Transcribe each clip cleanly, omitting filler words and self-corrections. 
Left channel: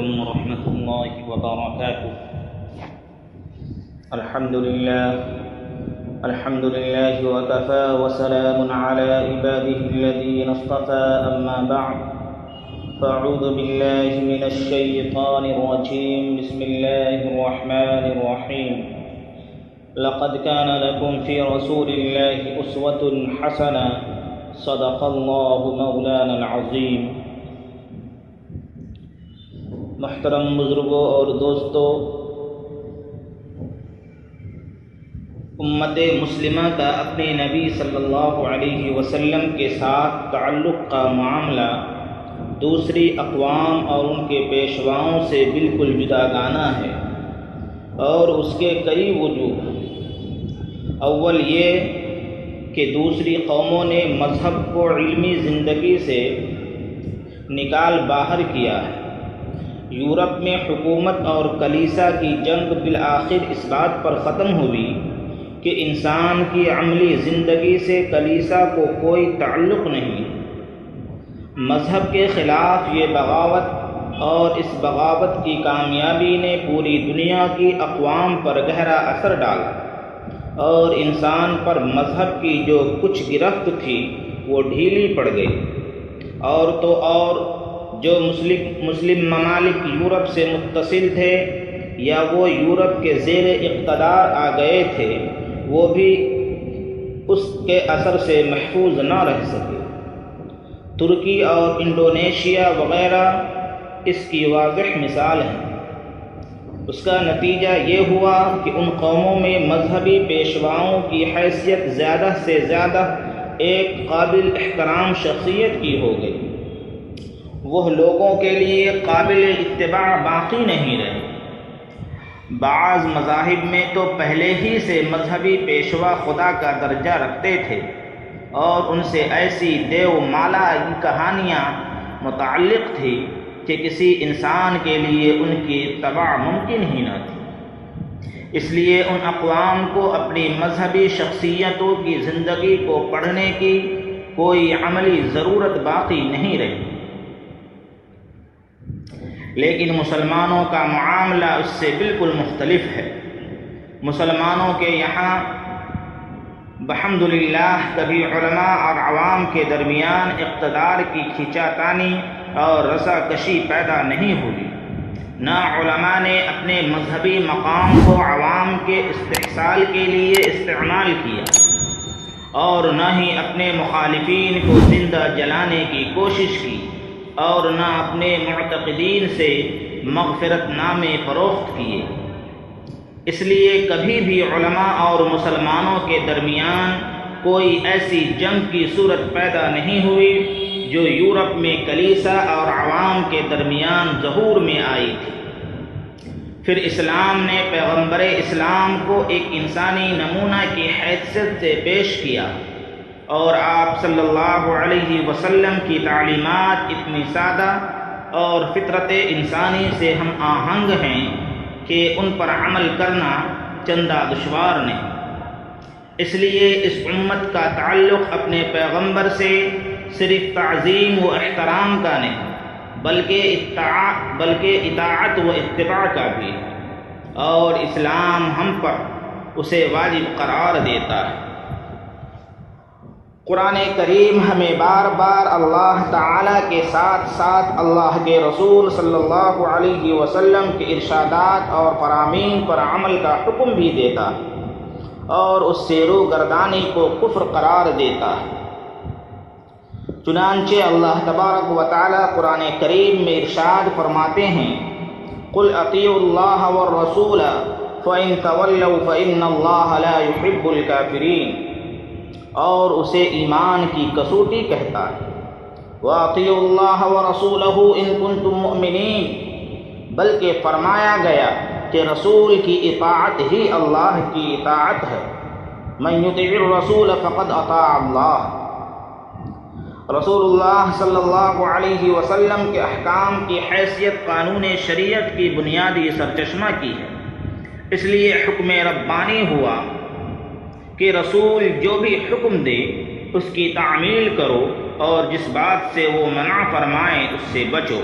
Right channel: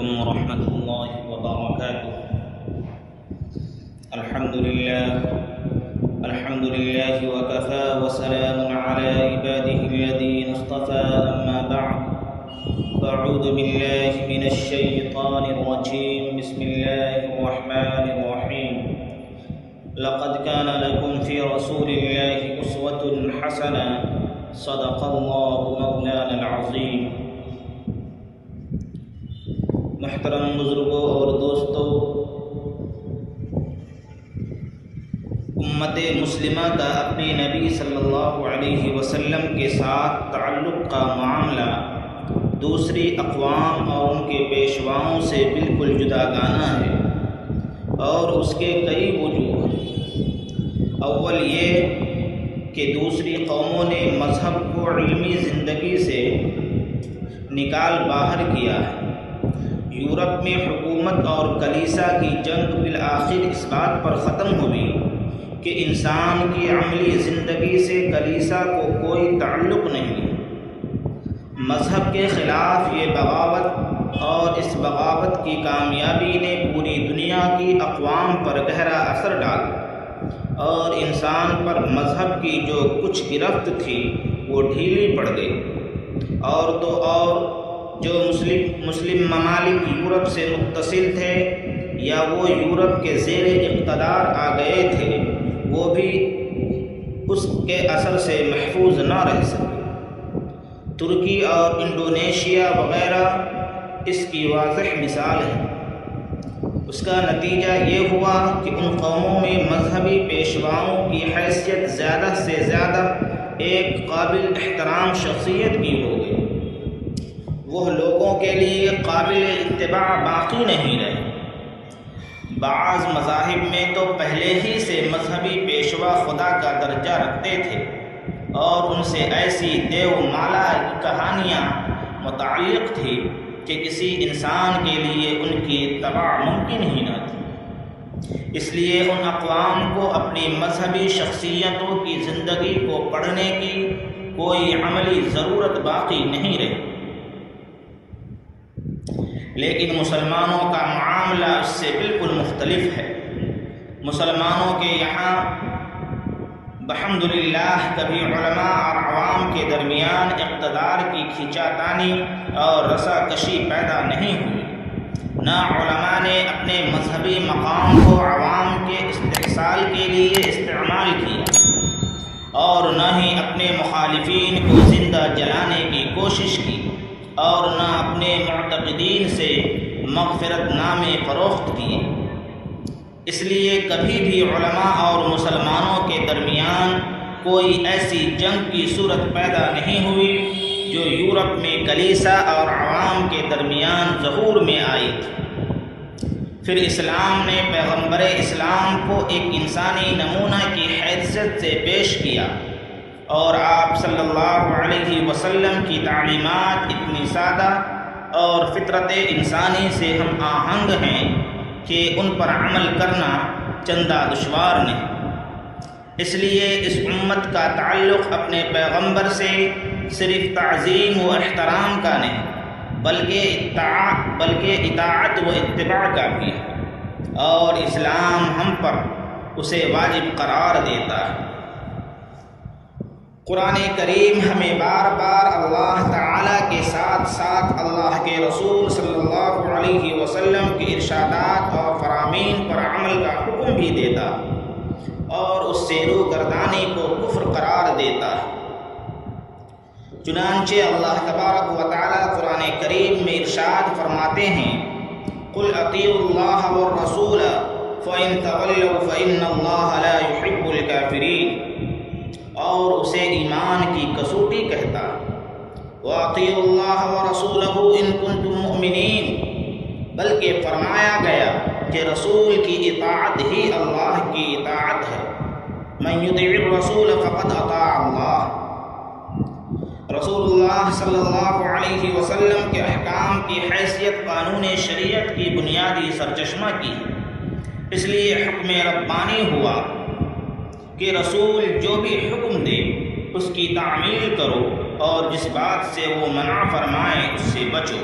عليكم ورحمة الله وبركاته. الحمد لله وكفى وسلام على عباده الذين اصطفى. أما بعد فأعوذ بالله من الشيطان الرجيم. بسم الله الرحمن الرحيم. لقد كان لكم في رسول الله أسوة حسنة. صدق الله مولانا العظیم. محترم بزرگوں اور دوستوں، امت مسلمہ کا اپنے نبی صلی اللہ علیہ وسلم کے ساتھ تعلق کا معاملہ دوسری اقوام اور ان کے پیشواؤں سے بالکل جداگانہ ہے، اور اس کے کئی وجوہ ہیں۔ اول یہ کہ دوسری قوموں نے مذہب کو علمی زندگی سے نکال باہر کیا ہے۔ یورپ میں حکومت اور کلیسا کی جنگ بالآخر اس بات پر ختم ہوئی کہ انسان کی عملی زندگی سے کلیسا کو کوئی تعلق نہیں ہے۔ مذہب کے خلاف یہ بغاوت اور اس بغاوت کی کامیابی نے پوری دنیا کی اقوام پر گہرا اثر ڈالا، اور انسان پر مذہب کی جو کچھ گرفت تھی وہ ڈھیلی پڑ گئی، اور تو اور جو مسلم ممالک یورپ سے متصل تھے یا وہ یورپ کے زیر اقتدار آ گئے تھے، وہ بھی اس کے اثر سے محفوظ نہ رہ سکے۔ ترکی اور انڈونیشیا وغیرہ اس کی واضح مثال ہے۔ اس کا نتیجہ یہ ہوا کہ ان قوموں میں مذہبی پیشواؤں کی حیثیت زیادہ سے زیادہ ایک قابل احترام شخصیت کی ہو گئی۔ وہ لوگوں کے لیے قابل اتباع باقی نہیں رہے۔ بعض مذاہب میں تو پہلے ہی سے مذہبی پیشوا خدا کا درجہ رکھتے تھے، اور ان سے ایسی دیو مالا کی کہانیاں متعلق تھی کہ کسی انسان کے لیے ان کی اتباع ممکن ہی نہ تھی۔ اس لیے ان اقوام کو اپنی مذہبی شخصیتوں کی زندگی کو پڑھنے کی کوئی عملی ضرورت باقی نہیں رہی۔ لیکن مسلمانوں کا معاملہ اس سے بالکل مختلف ہے۔ مسلمانوں کے یہاں بحمدللہ کبھی علماء اور عوام کے درمیان اقتدار کی کھینچاتانی اور رسا کشی پیدا نہیں ہوئی۔ نہ علماء نے اپنے مذہبی مقام کو عوام کے استحصال کے لیے استعمال کیا، اور نہ ہی اپنے مخالفین کو زندہ جلانے کی کوشش کی، اور نہ اپنے معتقدین سے مغفرت نامے فروخت کیے۔ اس لیے کبھی بھی علماء اور مسلمانوں کے درمیان کوئی ایسی جنگ کی صورت پیدا نہیں ہوئی جو یورپ میں کلیسا اور عوام کے درمیان ظہور میں آئی تھی۔ پھر اسلام نے پیغمبر اسلام کو ایک انسانی نمونہ کی حیثیت سے پیش کیا، اور آپ صلی اللہ علیہ وسلم کی تعلیمات اتنی سادہ اور فطرت انسانی سے ہم آہنگ ہیں کہ ان پر عمل کرنا چندہ دشوار نہیں۔ اس لیے اس امت کا تعلق اپنے پیغمبر سے صرف تعظیم و احترام کا نہیں، بلکہ اطاعت و اتباع کا بھی ہے، اور اسلام ہم پر اسے واجب قرار دیتا ہے۔ قرآن کریم ہمیں بار بار اللہ تعالیٰ کے ساتھ ساتھ اللہ کے رسول صلی اللہ علیہ وسلم کے ارشادات اور فرامین پر عمل کا حکم بھی دیتا ہے، اور اس سے روگردانی کو کفر قرار دیتا ہے۔ چنانچہ اللہ تبارک و تعالیٰ قرآن کریم میں ارشاد فرماتے ہیں: قُلْ أَطِيعُوا اللَّهَ وَالرَّسُولَ فَإِن تَوَلَّوْا فَإِنَّ اللَّهَ لَا يُحِبُّ الْكَافِرِينَ، اور اسے ایمان کی کسوٹی کہتا ہے۔ وَأَطِيعُوا اللَّهَ وَرَسُولَهُ إِن كُنتُم مُّؤْمِنِينَ، بلکہ فرمایا گیا کہ رسول کی اطاعت ہی اللہ کی اطاعت ہے۔ مَن يُطِعِ الرَّسُولَ فَقَدْ أَطَاعَ اللَّهَ۔ رسول اللہ صلی اللہ علیہ وسلم کے احکام کی حیثیت قانون شریعت کی بنیادی سرچشمہ کی ہے۔ اس لیے حکم ربانی ہوا کہ رسول جو بھی حکم دے اس کی تعمیل کرو، اور جس بات سے وہ منع فرمائیں اس سے بچو۔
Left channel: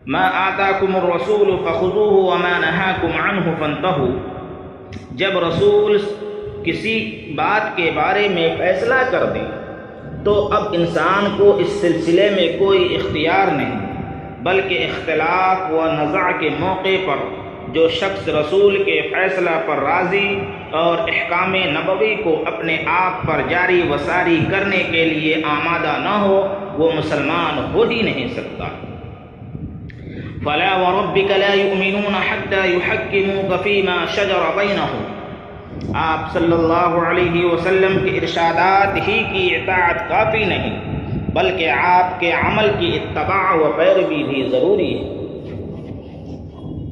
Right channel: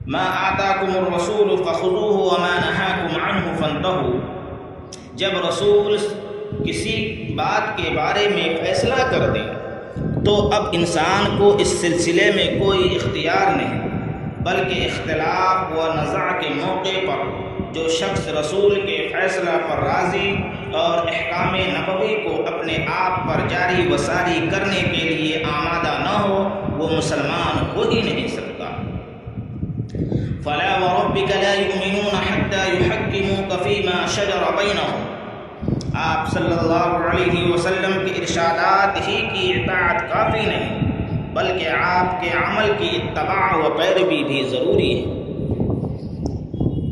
ما آتاکم الرسول فخذوہ وما نہاکم عنہ فانتہوا، جب رسول کسی بات کے بارے میں فیصلہ کر دیں تو اب انسان کو اس سلسلے میں کوئی اختیار نہیں، بلکہ اختلاف و نزاع کے موقع پر جو شخص رسول کے فیصلہ پر راضی اور احکام نبوی کو اپنے آپ پر جاری و ساری کرنے کے لیے آمادہ نہ ہو وہ مسلمان ہو ہی نہیں سکتا۔ فَلَا وَرَبِّكَ لَا يُؤْمِنُونَ حَتَّى يُحَكِّمُوكَ فِي مَا شَجَرَ بَيْنَهُمْ، آپ صلی اللہ علیہ وسلم کے ارشادات ہی کی اطاعت کافی نہیں، بلکہ آپ کے عمل کی اتباع و پیروی بھی ضروری ہے۔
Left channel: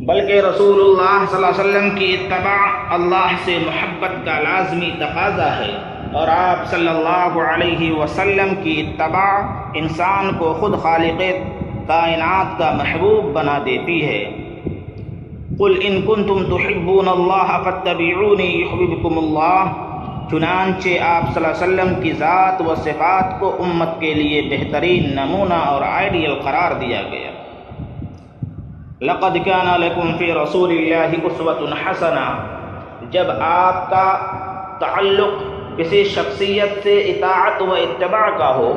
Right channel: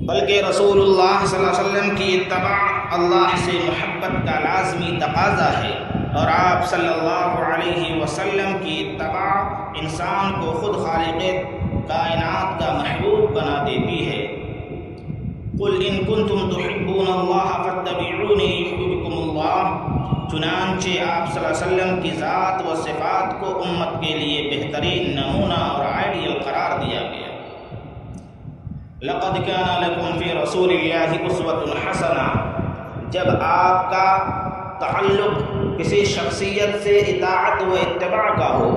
بلکہ رسول اللہ صلی اللہ علیہ وسلم کی اتباع اللہ سے محبت کا لازمی تقاضا ہے، اور آپ صلی اللہ علیہ وسلم کی اتباع انسان کو خود خالق کائنات کا محبوب بنا دیتی ہے۔ قل ان کنتم تحبون اللہ فاتبعونی یحببکم اللہ، چنانچہ آپ صلی اللہ علیہ وسلم کی ذات و صفات کو امت کے لیے بہترین نمونہ اور آئیڈیل قرار دیا گیا۔ لقد كان لكم في رسول الله اسوة حسنہ، جب آپ کا تعلق کسی شخصیت سے اطاعت و اتباع کا ہو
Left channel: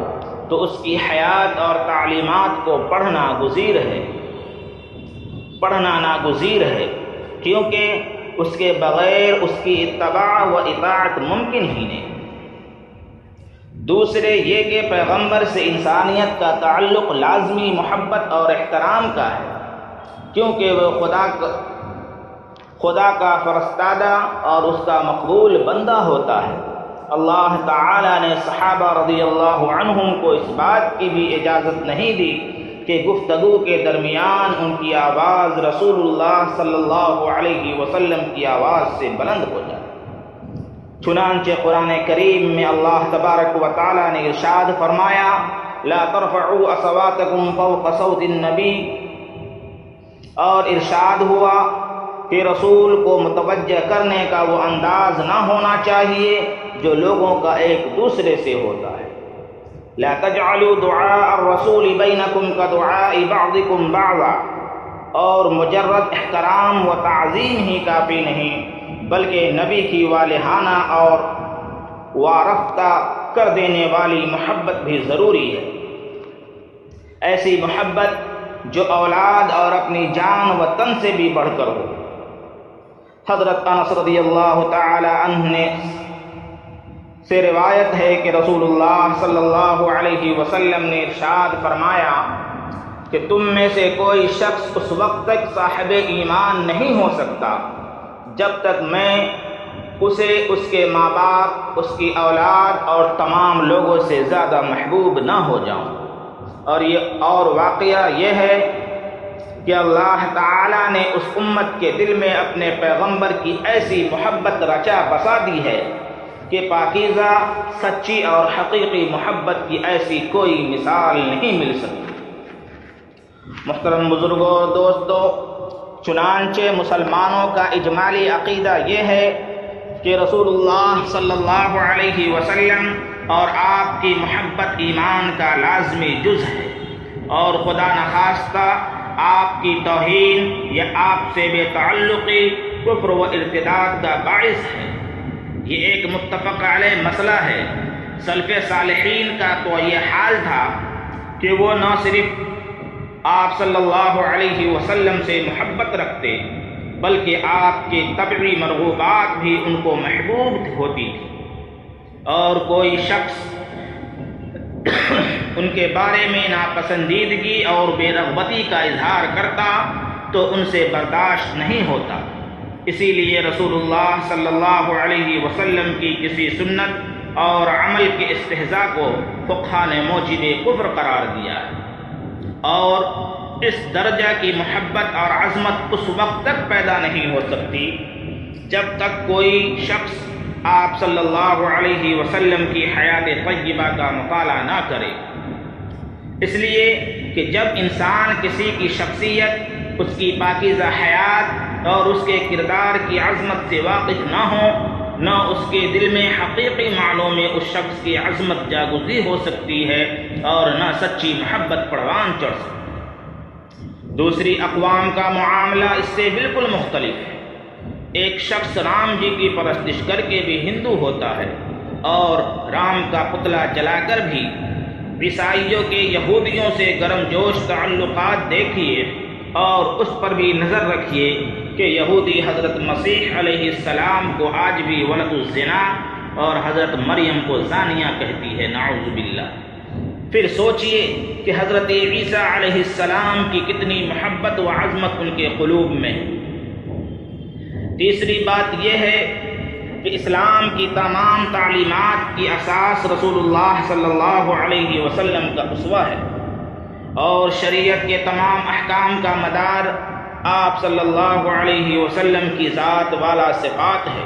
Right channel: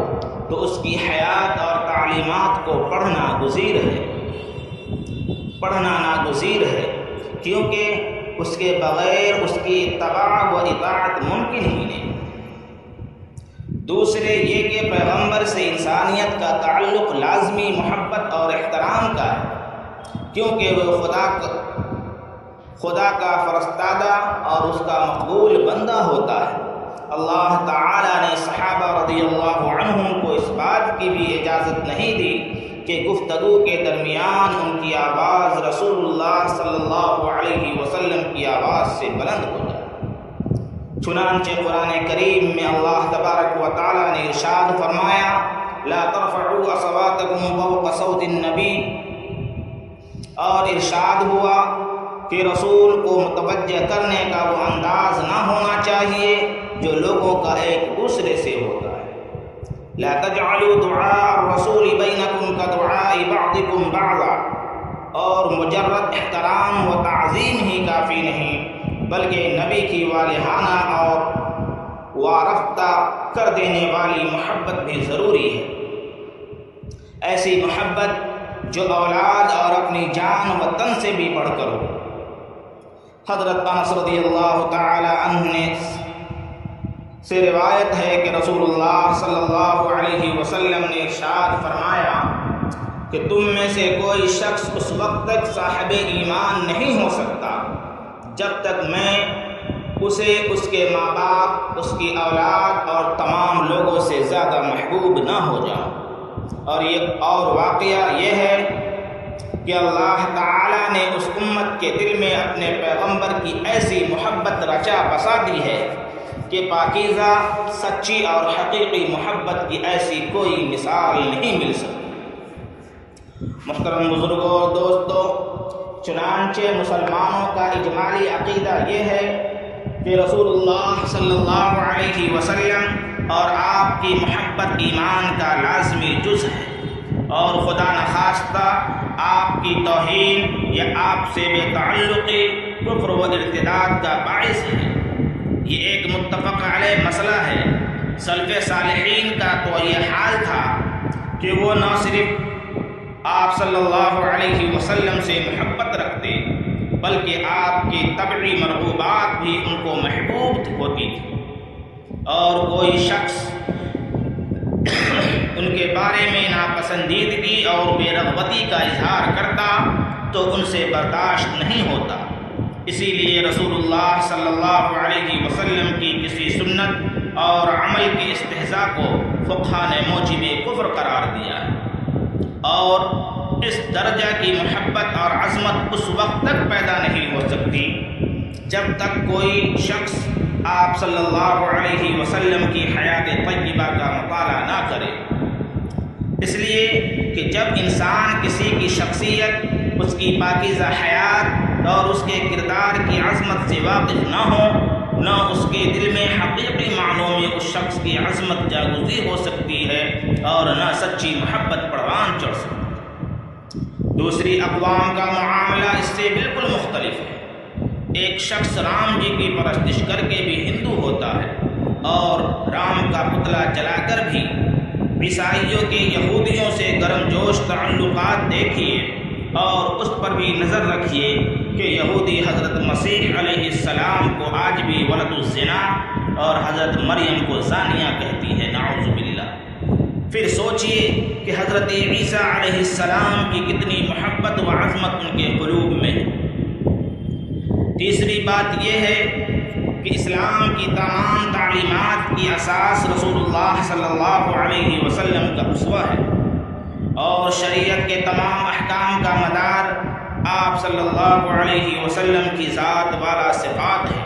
تو اس کی حیات اور تعلیمات کو پڑھنا ناگزیر ہے، کیونکہ اس کے بغیر اس کی اتباع و اطاعت ممکن ہی نہیں۔ دوسرے یہ کہ پیغمبر سے انسانیت کا تعلق لازمی محبت اور احترام کا ہے، کیونکہ وہ خدا کا فرستادہ اور اس کا مقبول بندہ ہوتا ہے۔ اللہ تعالی نے صحابہ رضی اللہ عنہم کو اس بات کی بھی اجازت نہیں دی کہ گفتگو کے درمیان ان کی آواز رسول اللہ صلی اللہ علیہ وسلم کی آواز سے بلند ہو جائے۔ چنانچہ قرآن کریم میں اللہ تبارک و تعالی نے ارشاد فرمایا، لا ترفعوا اصواتکم فوق صوت النبی، اور ارشاد ہوا کہ رسول کو متوجہ کرنے کا وہ انداز نہ ہونا چاہیے جو لوگوں کا ایک دوسرے سے ہوتا ہے۔ لا تجعلوا دعاء الرسول بینکم کدعاء بعضکم بعضا، اور مجرد احترام و تعظیم ہی کافی نہیں بلکہ نبی کی والہانہ اور وارفتہ کر دینے والی محبت بھی ضروری ہے، ایسی محبت جو اولاد اور اپنی جان و تن سے بھی بڑھ کر ہو۔ حضرت انس رضی اللہ تعالی عنہ سے روایت ہے کہ رسول اللہ صلی اللہ علیہ وسلم نے ارشاد فرمایا کہ تم میں سے کوئی شخص اس وقت تک صاحب ایمان نہیں ہو سکتا جب تک میں اسے اس کے ماں باپ، اس کی اولاد اور تمام لوگوں سے زیادہ محبوب نہ ہو جاؤں۔ اور واقعہ یہ ہے کہ اللہ تعالیٰ نے اس امت کے دل میں اپنے پیغمبر کی ایسی محبت رچا بسا دی ہے کہ پاکیزہ، سچی اور حقیقی محبت کی ایسی کوئی مثال نہیں مل سکتی۔ محترم بزرگوں اور دوستو، چنانچہ مسلمانوں کا اجمالی عقیدہ یہ ہے کہ رسول اللہ صلی اللہ علیہ وسلم اور آپ کی محبت ایمان کا لازمی جز ہے، اور خدا نخواستہ آپ کی توہین یا آپ سے بے تعلقی کفر و ارتداد کا باعث ہے۔ یہ ایک متفق علیہ مسئلہ ہے۔ سلف صالحین کا تو یہ حال تھا کہ وہ نہ صرف آپ صلی اللہ علیہ وسلم سے محبت رکھتے بلکہ آپ کی طبعی مرغوبات بھی ان کو محبوب ہوتی تھی، اور کوئی شخص ان کے بارے میں ناپسندیدگی اور بے رغبتی کا اظہار کرتا تو ان سے برداشت نہیں ہوتا۔ اسی لیے رسول اللہ صلی اللہ علیہ وسلم کی کسی سنت اور عمل کے استہزاء کو فقہا نے موجب کفر قرار دیا ہے، اور اس درجہ کی محبت اور عظمت اس وقت تک پیدا نہیں ہو سکتی جب تک کوئی شخص آپ صلی اللہ علیہ وسلم کی حیات طیبہ کا مطالعہ نہ کرے۔ اس لیے کہ جب انسان کسی کی شخصیت، اس کی پاکیزہ حیات اور اس کے کردار کی عظمت سے واقف نہ ہو، نہ اس کے دل میں حقیقی معنوں میں اس شخص کی عظمت جاگزی ہو سکتی ہے اور نہ سچی محبت پروان چڑھ سکتی۔ دوسری اقوام کا معاملہ اس سے بالکل مختلف ہے۔ ایک شخص رام جی کی پرستش کر کے بھی ہندو ہوتا ہے اور رام کا پتلا جلا کر بھی۔ عیسائیوں کے یہودیوں سے گرم جوش تعلقات دیکھیے اور اس پر بھی نظر رکھیے کہ یہودی حضرت مسیح علیہ السلام کو آج بھی ولد الزنا اور حضرت مریم کو زانیہ کہتی ہے، نعوذ باللہ۔ پھر سوچئے کہ حضرت عیسیٰ علیہ السلام کی کتنی محبت و عظمت ان کے قلوب میں ہے۔ تیسری بات یہ ہے کہ اسلام کی تمام تعلیمات کی اساس رسول اللہ صلی اللہ علیہ وسلم کا اسوہ ہے، اور شریعت کے تمام احکام کا مدار آپ صلی اللہ علیہ وسلم کی ذات والا صفات ہے۔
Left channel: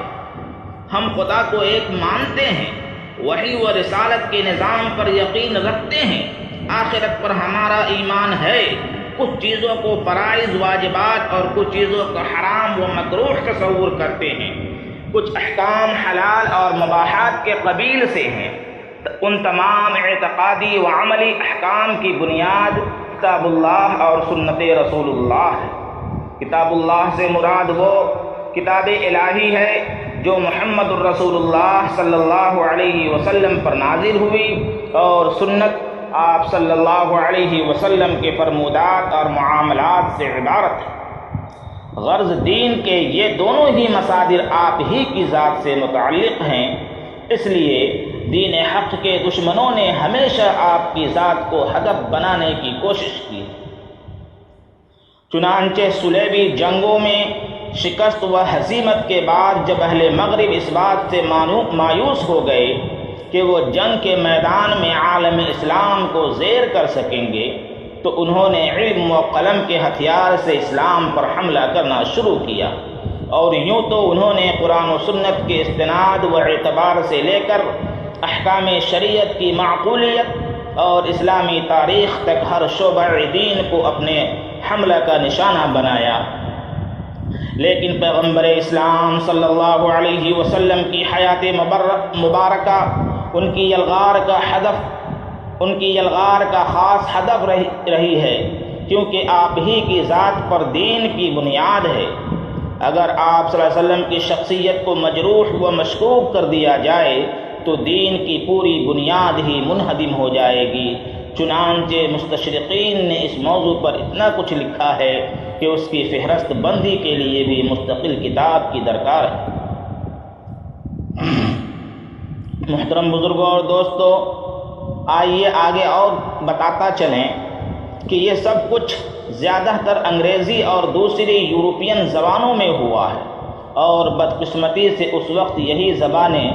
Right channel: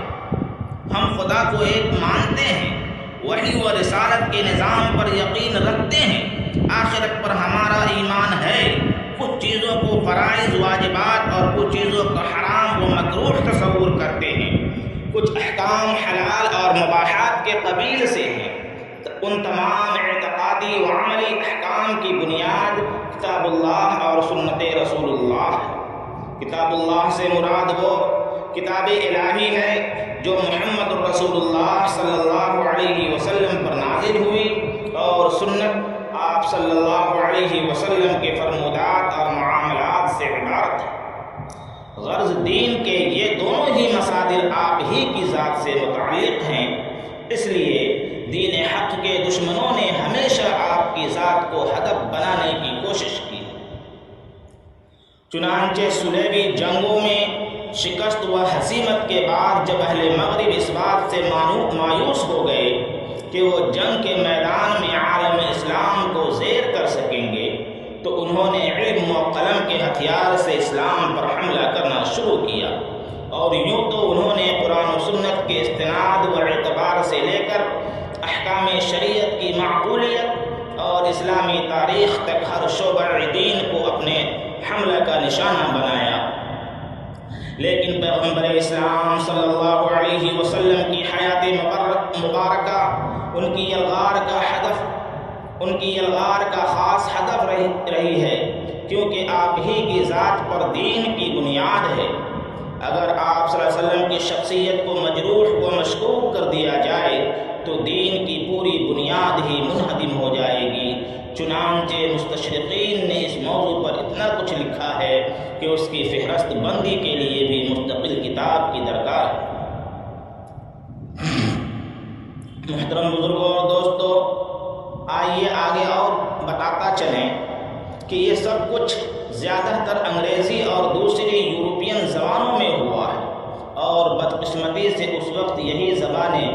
ہم خدا کو ایک مانتے ہیں، وحی و رسالت کے نظام پر یقین رکھتے ہیں، آخرت پر ہمارا ایمان ہے، کچھ چیزوں کو فرائض واجبات اور کچھ چیزوں کو حرام و مکروہ تصور کرتے ہیں، کچھ احکام حلال اور مباحات کے قبیل سے ہیں۔ ان تمام اعتقادی و عملی احکام کی بنیاد کتاب اللہ اور سنت رسول اللہ ہے۔ کتاب اللہ سے مراد وہ کتاب الہی ہے جو محمد الرسول اللہ صلی اللہ علیہ وسلم پر نازل ہوئی، اور سنت آپ صلی اللہ علیہ وسلم کے فرمودات اور معاملات سے عبارت ہے۔ غرض دین کے یہ دونوں ہی مصادر آپ ہی کی ذات سے متعلق ہیں، اس لیے دین حق کے دشمنوں نے ہمیشہ آپ کی ذات کو ہدف بنانے کی کوشش کی۔ چنانچہ صلیبی جنگوں میں شکست و ہزیمت کے بعد جب اہل مغرب اس بات سے مایوس ہو گئے کہ وہ جنگ کے میدان میں عالم اسلام کو زیر کر سکیں گے، تو انہوں نے علم و قلم کے ہتھیار سے اسلام پر حملہ کرنا شروع کیا، اور یوں تو انہوں نے قرآن و سنت کے استناد و اعتبار سے لے کر احکام شریعت کی معقولیت اور اسلامی تاریخ تک ہر شعبہ دین کو اپنے حملہ کا نشانہ بنایا، لیکن پیغمبر اسلام صلی اللہ علیہ وسلم کی حیات مبارکہ ان کی یلغار کا خاص ہدف رہی ہے، کیونکہ آپ ہی کی ذات پر دین کی بنیاد ہے۔ اگر آپ صلی اللہ علیہ وسلم کی شخصیت کو مجروح و مشکوک کر دیا جائے تو دین کی پوری بنیاد ہی منہدم ہو جائے گی۔ چنانچہ مستشرقین نے اس موضوع پر اتنا کچھ لکھا ہے کہ اس کی فہرست بندی کے لیے بھی مستقل کتاب کی درکار ہے۔ محترم بزرگوں اور دوستو، آئیے آگے اور بتاتا چلیں کہ یہ سب کچھ زیادہ تر انگریزی اور دوسری یورپین زبانوں میں ہوا ہے، اور بدقسمتی سے اس وقت یہی زبانیں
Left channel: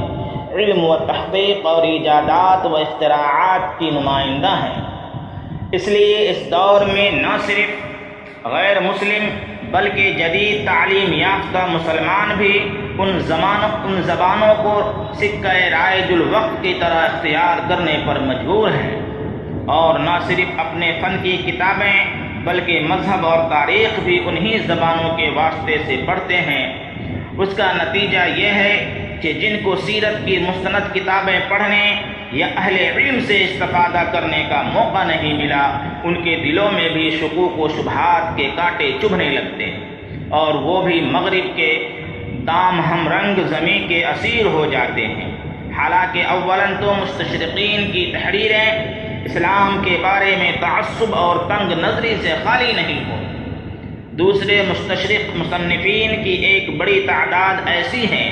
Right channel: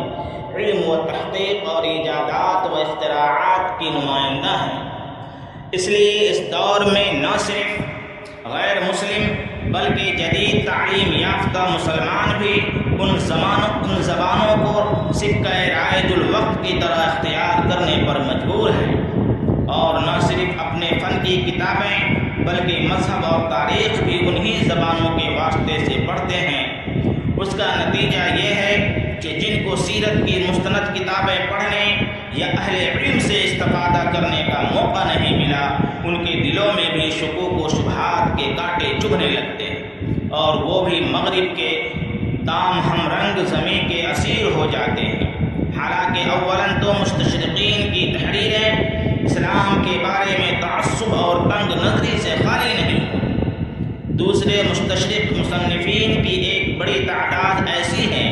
علم و تحقیق اور ایجادات و اختراعات کی نمائندہ ہیں۔ اس لیے اس دور میں نہ صرف غیر مسلم بلکہ جدید تعلیم یافتہ مسلمان بھی ان زبانوں کو سکہ رائج الوقت کی طرح اختیار کرنے پر مجبور ہیں، اور نہ صرف اپنے فن کی کتابیں بلکہ مذہب اور تاریخ بھی انہی زبانوں کے واسطے سے پڑھتے ہیں۔ اس کا نتیجہ یہ ہے کہ جن کو سیرت کی مستند کتابیں پڑھنے یا اہل علم سے استفادہ کرنے کا موقع نہیں ملا، ان کے دلوں میں بھی شکوک و شبہات کے کانٹے چبھنے لگتے ہیں، اور وہ بھی مغرب کے دام ہم رنگ زمیں کے اسیر ہو جاتے ہیں۔ حالانکہ اولاً تو مستشرقین کی تحریریں اسلام کے بارے میں تعصب اور تنگ نظری سے خالی نہیں ہوتی، دوسرے مستشرق مصنفین کی ایک بڑی تعداد ایسی ہیں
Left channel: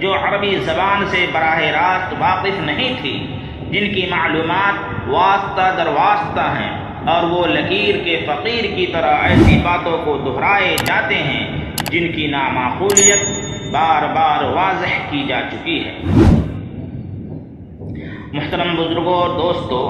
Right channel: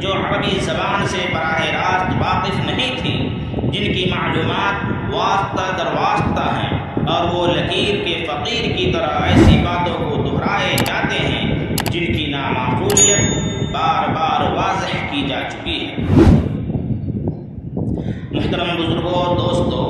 جو عربی زبان سے براہ راست واقف نہیں تھی، جن کی معلومات واسطہ در واسطہ ہیں، اور وہ لکیر کے فقیر کی طرح ایسی باتوں کو دہرائے جاتے ہیں جن کی نامعقولیت بار بار واضح کی جا چکی ہے۔ محترم بزرگوں اور دوستو،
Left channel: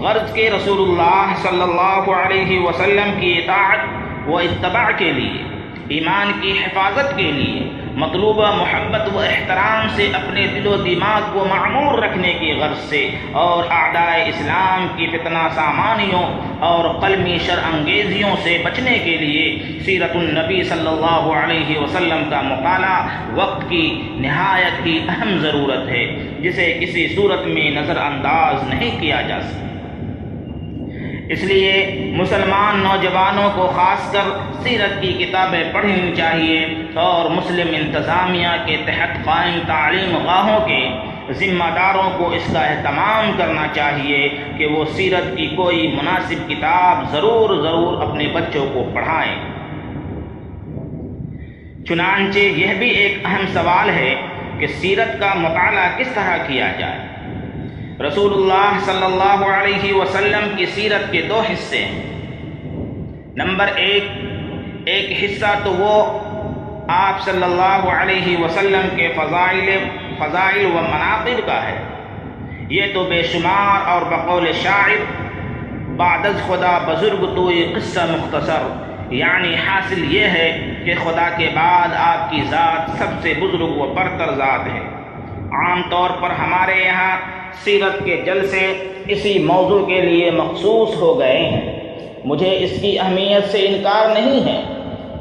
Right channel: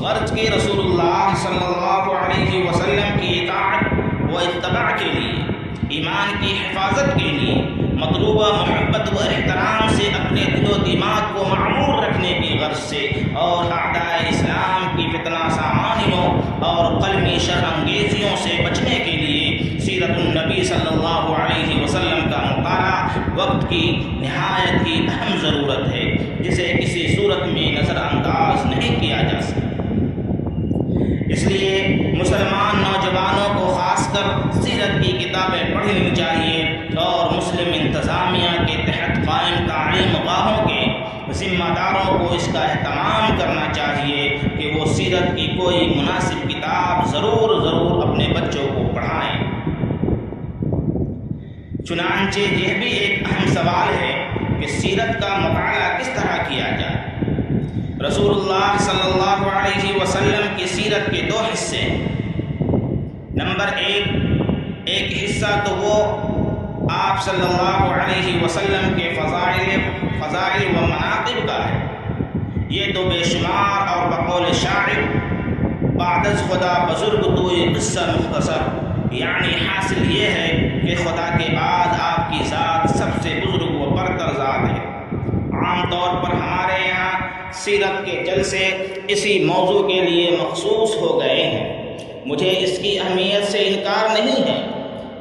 غرض کے رسول اللہ صلی اللہ علیہ وسلم کی اطاعت و اتباع کے لیے، ایمان کی حفاظت کے لیے، مطلوبہ محبت و احترام سے اپنے دل و دماغ کو معمور رکھنے کی غرض سے، اور اعداء اسلام کی فتنہ سامانیوں اور قلمی شر انگیزیوں سے بچنے کے لیے سیرت النبی صلی اللہ علیہ وسلم کا مطالعہ وقت کی نہایت ہی اہم ضرورت ہے، جسے کسی صورت میں نظر انداز نہیں کیا جا سکتا۔ اس لیے مسلمان نوجوانوں کو خاص کر سیرت کی کتابیں پڑھنی چاہیے اور مسلم انتظامیہ کے تحت قائم تعلیم گاہوں کے ذمہ داروں کو اس کا اہتمام کرنا چاہیے کہ وہ سیرت کی کوئی مناسب کتاب ضرور اپنے بچوں کو پڑھائیں۔ چنانچہ یہ بھی ایک اہم سوال ہے کہ سیرت کا مطالعہ کس طرح کیا جائے۔ رسول اللہ صلی اللہ علیہ وسلم کی سیرت کے دو حصے ہیں۔ نمبر ایک حصہ تو وہ آپ صلی اللہ علیہ وسلم کے فضائل و مناقب کا ہے، یہ تو بے شمار اور بقول شاعر بعد از خدا بزرگ توئی قصہ مختصر، یعنی حاصل یہ ہے کہ خدا کے بعد آپ کی ذات سب سے بزرگ و برتر ذات ہے۔ عام طور پر ہمارے یہاں سیرت کے جلسے اسی موضوع کے لیے مخصوص ہو گئے ہیں۔ مجھے اس کی اہمیت سے انکار نہیں ہے،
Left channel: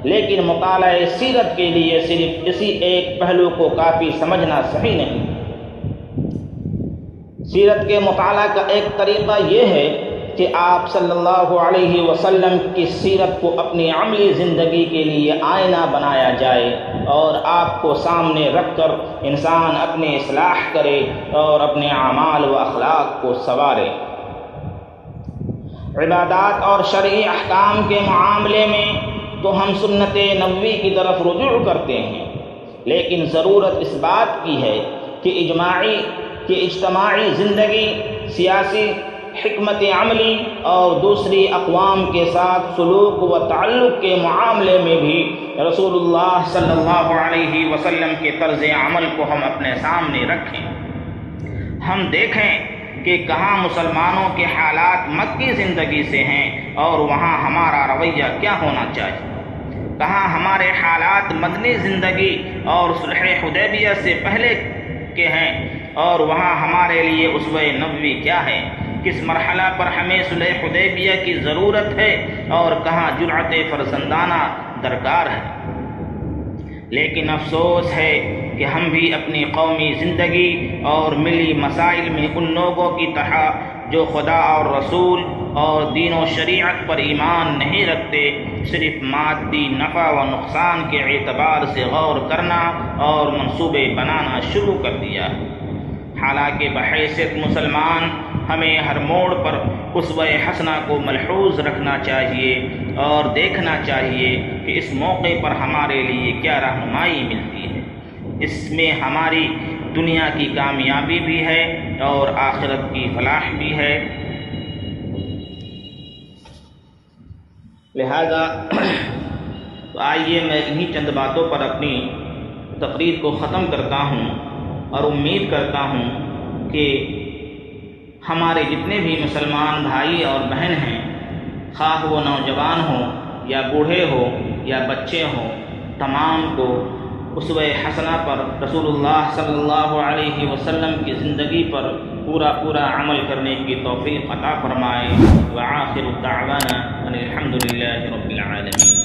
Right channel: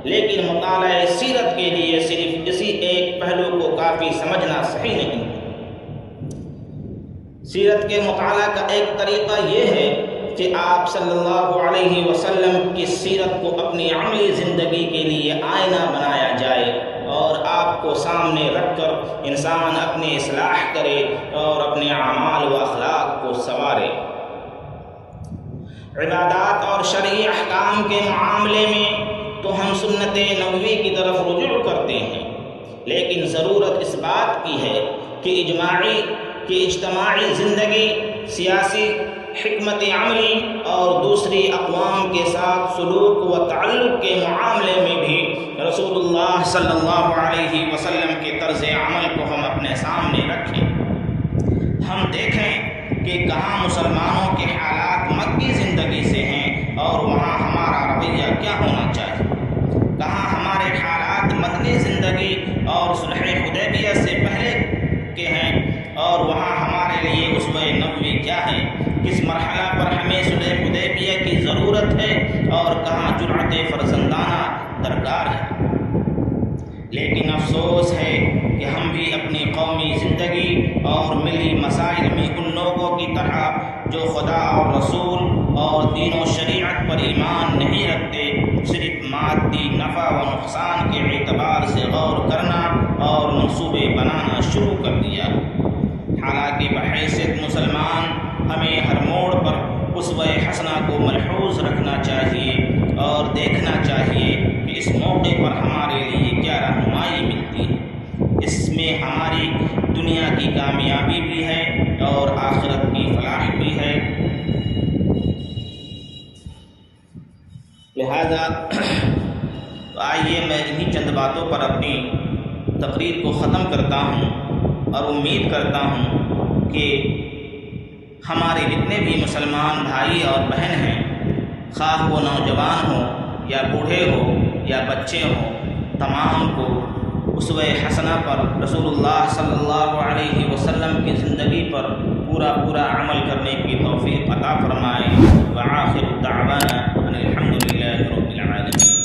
لیکن مطالعہ سیرت کے لیے صرف اسی ایک پہلو کو کافی سمجھنا صحیح نہیں ہے۔ سیرت کے مطالعہ کا ایک طریقہ یہ ہے کہ آپ صلی اللہ علیہ وسلم کی سیرت کو اپنی عملی زندگی کے لیے آئینہ بنایا جائے اور آپ کو سامنے رکھ کر انسان اپنی اصلاح کرے اور اپنے اعمال و اخلاق کو سنوارے۔ عبادات اور شرعی احکام کے معاملے میں تو ہم سنت نبوی کی طرف رجوع کرتے ہیں، لیکن ضرورت اس بات کی ہے کہ اجتماعی زندگی، سیاسی حکمت عملی اور دوسری اقوام کے ساتھ سلوک و تعلق کے معاملے میں بھی رسول اللہ صلی اللہ علیہ وسلم کے طرز عمل کو ہم اپنے سامنے رکھیں۔ ہم دیکھیں کہ کہاں مسلمانوں کے حالات مکی زندگی سے ہیں اور وہاں ہمارا رویہ کیا ہونا چاہیے، کہاں ہمارے حالات مدنی زندگی اور صلح حدیبیہ سے پہلے کے ہیں اور وہاں ہمارے لیے اسوہ نبوی کیا ہے، کس مرحلہ پر ہمیں صلح حدیبیہ کی ضرورت ہے اور کہاں جرأت فرزندانہ درکار ہے۔ لیکن افسوس ہے کہ ہم بھی اپنی قومی زندگی اور ملی مسائل میں ان لوگوں کی طرح جو خدا اور رسول اور دین و شریعت پر ایمان نہیں رکھتے، صرف مادی نفع و نقصان کے اعتبار سے غور کرنا اور منصوبے بنانا شروع کر دیا۔ حالانکہ بحیثیت مسلمان ہمیں ہر موڑ پر اسوہ حسنہ کو ملحوظ رکھنا چاہیے اور دیکھنا چاہیے کہ اس موقع پر ہمارے لیے کیا رہنمائی ملتی ہے۔ اس میں ہماری دنیا کی کامیابی بھی ہے اور آخرت کی فلاح بھی ہے۔ لہذا تو آئیے میں انہی چند باتوں پر اپنی تقریر کو ختم کرتا ہوں اور امید کرتا ہوں کہ ہمارے جتنے بھی مسلمان بھائی اور بہن ہیں، خواہ وہ نوجوان ہوں یا بوڑھے ہوں یا بچے ہوں، تمام کو اسوہ حسنہ پر، رسول اللہ صلی اللہ علیہ وسلم کی زندگی پر پورا عمل کرنے کی توفیق عطا فرمائے۔ وآخر دعوانا ان الحمد للہ رب العالمین۔